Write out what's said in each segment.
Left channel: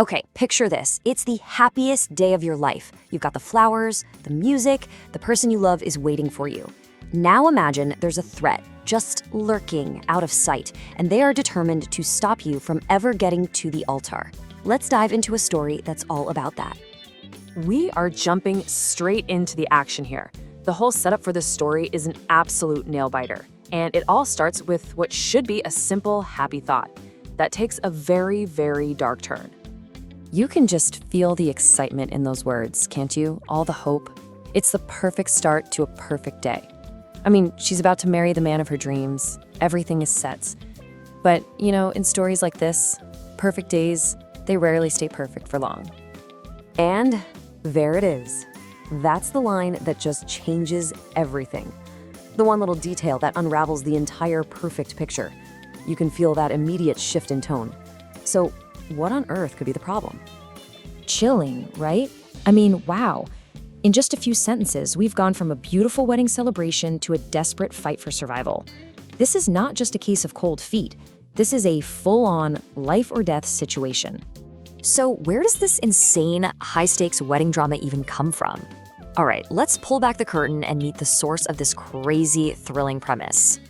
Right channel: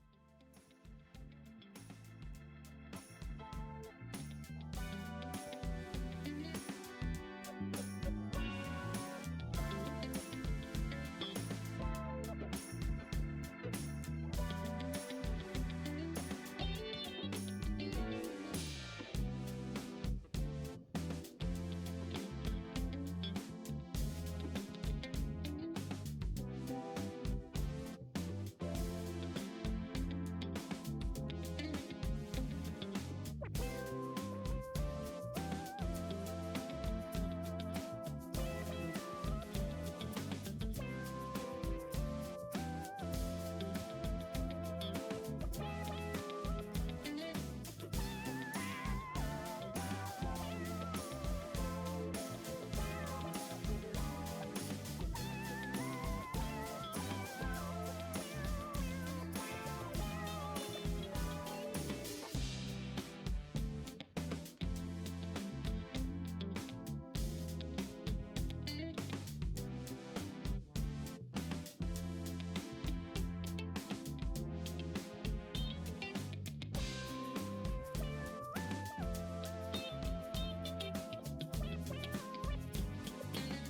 Okay, picture this. It's the happiest day of your life. You've got the flowers, the music, the person you love is waiting for you. Now imagine there's a threat, just lurking out of sight, and they are determined to stop you from ever getting to the altar. Let's dive into a story that's all about that. We are jumping straight into the action here. The whole setup for this story is an absolute nail-biter, and it all starts with what should be a simple, happy thought that takes a very, very dark turn. You can just feel the excitement in those words, can't you? All the hope. It's the perfect start to a perfect day. I mean, she's about to marry the man of her dreams. Everything is set. But, in stories like this, perfect days, they rarely stay perfect for long. And there it is. That's the line that just changes everything. The one little detail that unravels the entire perfect picture. You can feel that immediate shift in tone. So, what on earth could be the problem? Chilling, right? I mean, wow. In just a few sentences, we've gone from a beautiful wedding celebration to a desperate fight for survival. This is not just a case of cold feet. This is a full-on life or death situation. So where does this insane, high-stakes wedding drama even come from? All right, let's pull back the curtain and meet the source of this crazy, thrilling premise.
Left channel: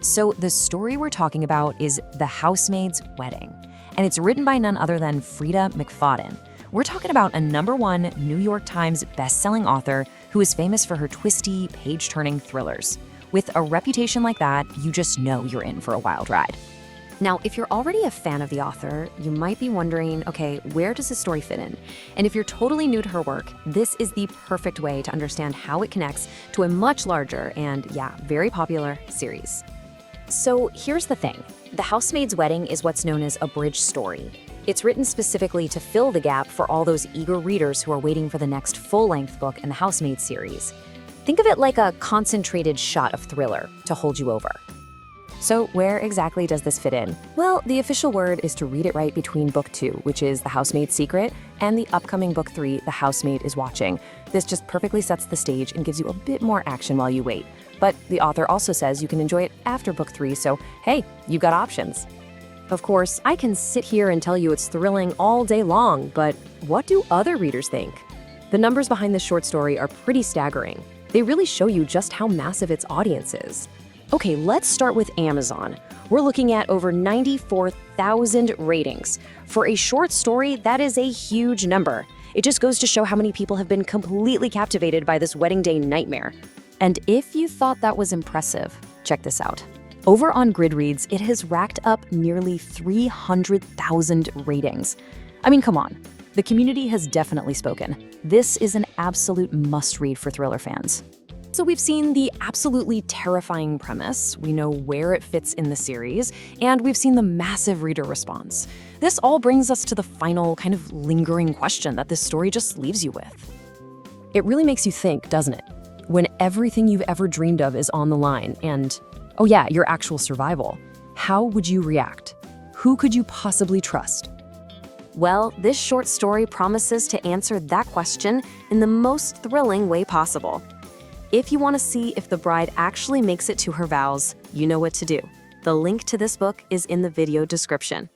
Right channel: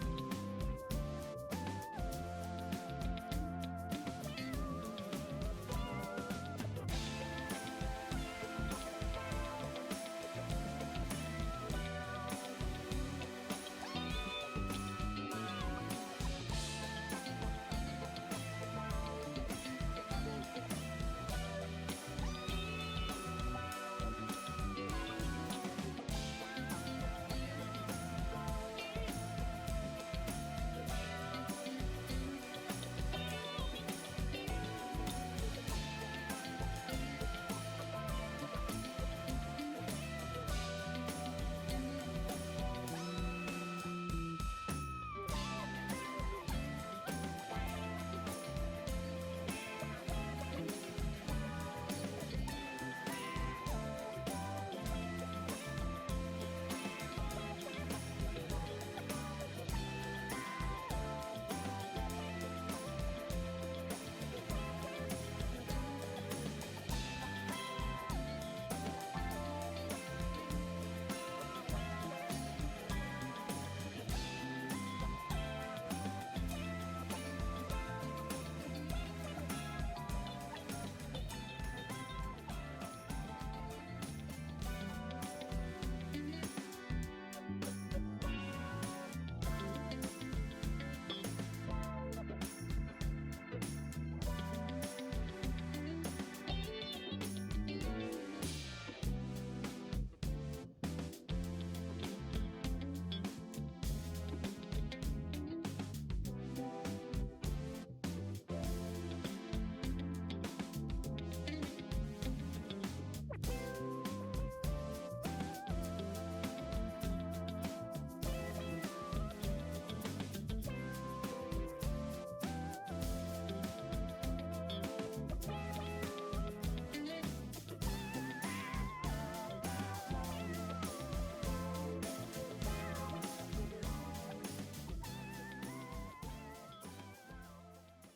So the story we're talking about is The Housemaid's Wedding, and it's written by none other than Frida McFadden. We're talking about a #1 New York Times best-selling author who is famous for her twisty, page-turning thrillers. With a reputation like that, you just know you're in for a wild ride. Now, if you're already a fan of the author, you might be wondering, okay, where does this story fit in? And if you're totally new to her work, this is the perfect way to understand how it connects to a much larger and, very popular series. So here's the thing. The Housemaid's Wedding is what's known as a bridge story. It's written specifically to fill the gap for all those eager readers who are waiting for the next full-length book in the Housemaid series. Think of it like a concentrated shot of thriller to hold you over. So where exactly does this fit in? Well, the official word is to read it right between book 2, which is The Housemaid's Secret, and the upcoming book 3, The Housemaid is Watching. This just perfectly sets the stage and gives you a bit more action while you wait. But the author also says you can enjoy it after book 3, so hey, you've got options. Of course, I can sit here and tell you it's thrilling all day long, but what do other readers think? The numbers behind this short story are pretty staggering. They really show you just how massive its audience is. Okay, let's start with Amazon. We're looking at over 94,000 ratings. For a short story, that is a huge number. It just goes to show how many people have been completely captivated by this wedding day nightmare. And if you thought that was impressive, check this out. Over on Goodreads, it has racked up nearly 300,000 ratings. I mean, come on. The community has definitely spoken. This is an absolute must-read for thriller fans. So we've seen the absolutely terrifying premise, we know where it fits in the series, and we've seen the massive reader response. This all brings us to the final kind of lingering question that this story just leaves you with. It really makes you think, doesn't it? When everything you've ever dreamed of is on the line and, oh yeah, your actual survival, how would you react? Who could you possibly trust? Well, this short story promises to answer that question in the most thrilling way possible. If you want to see if the bride actually makes it to her vows, you know what to do. The link to this book is in the video description.